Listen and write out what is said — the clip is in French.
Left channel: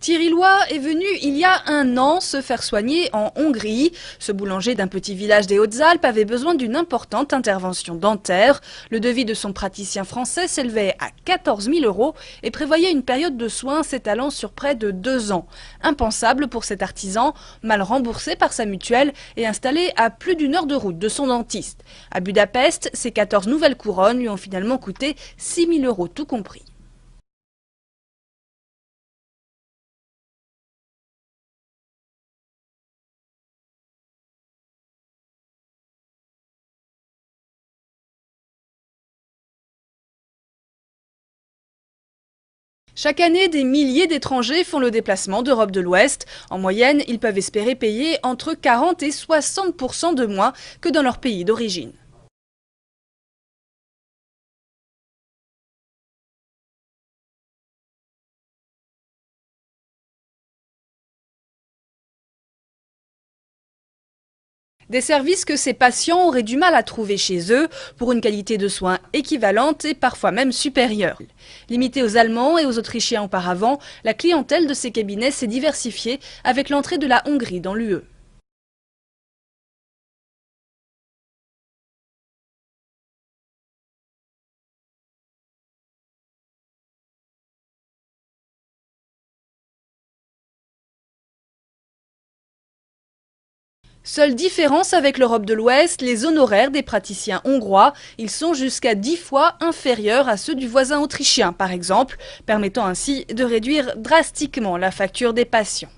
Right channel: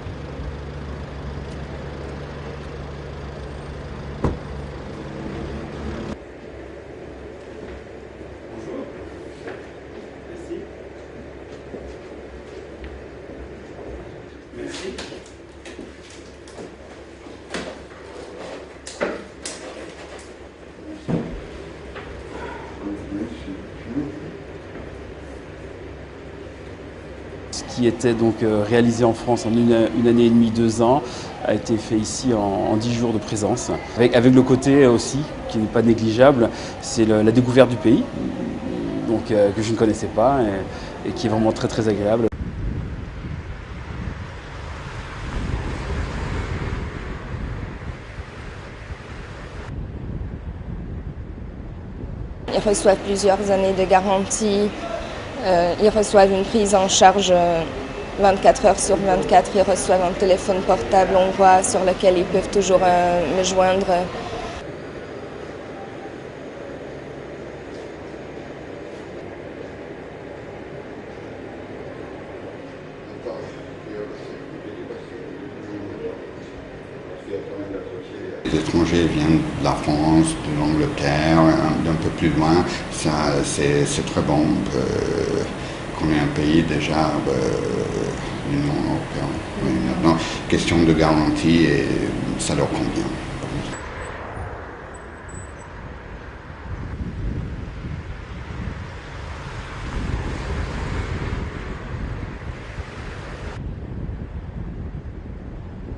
Thierry Loy est venu il y a un an se faire soigner en Hongrie. Ce boulanger d'un petit village des Hautes-Alpes avait besoin d'une importante intervention dentaire. Le devis de son praticien français s'élevait à 14 000 € et prévoyait une période de soins s'étalant sur près de 2 ans. Impensable pour cet artisan, mal remboursé par sa mutuelle et installé à plus d'1 heure de route de son dentiste. À Budapest, ces 14 nouvelles couronnes lui ont finalement coûté 6 000 € tout compris. Ce qui était donc réalisé en France en une année et demie, 2 ans, a été fait ici en 10 jours de présence. Avec le côté aussi, qui n'est pas négligeable, c'est la découverte du pays, donc, que je ne connaissais pas et qui est vraiment très très agréable. Chaque année, des milliers d'étrangers font le déplacement d'Europe de l'Ouest. En moyenne, ils peuvent espérer payer entre 40 et 60% de moins que dans leur pays d'origine. Ils reçoivent plusieurs années de garantie. Ils reçoivent une prise en charge 24 heures sur 24. Ils reçoivent un téléphone portable hongrois sur lequel ils peuvent toujours me joindre. Des services que ces patients auraient du mal à trouver chez eux pour une qualité de soins équivalente et parfois même supérieure. Limitée aux Allemands et aux Autrichiens auparavant, la clientèle de ces cabinets s'est diversifiée avec l'entrée de la Hongrie dans l'UE. Les étrangers viennent de la France, de l'Angleterre, d'un peu plus loin. C'est très bon qu'on ait un pays déjà l'Union européenne. Mais maintenant, question de garantie, et ça leur convient. Seule différence avec l'Europe de l'Ouest, les honoraires des praticiens hongrois, ils sont jusqu'à 10 fois inférieurs à ceux du voisin autrichien par exemple, permettant ainsi de réduire drastiquement la facture des patients.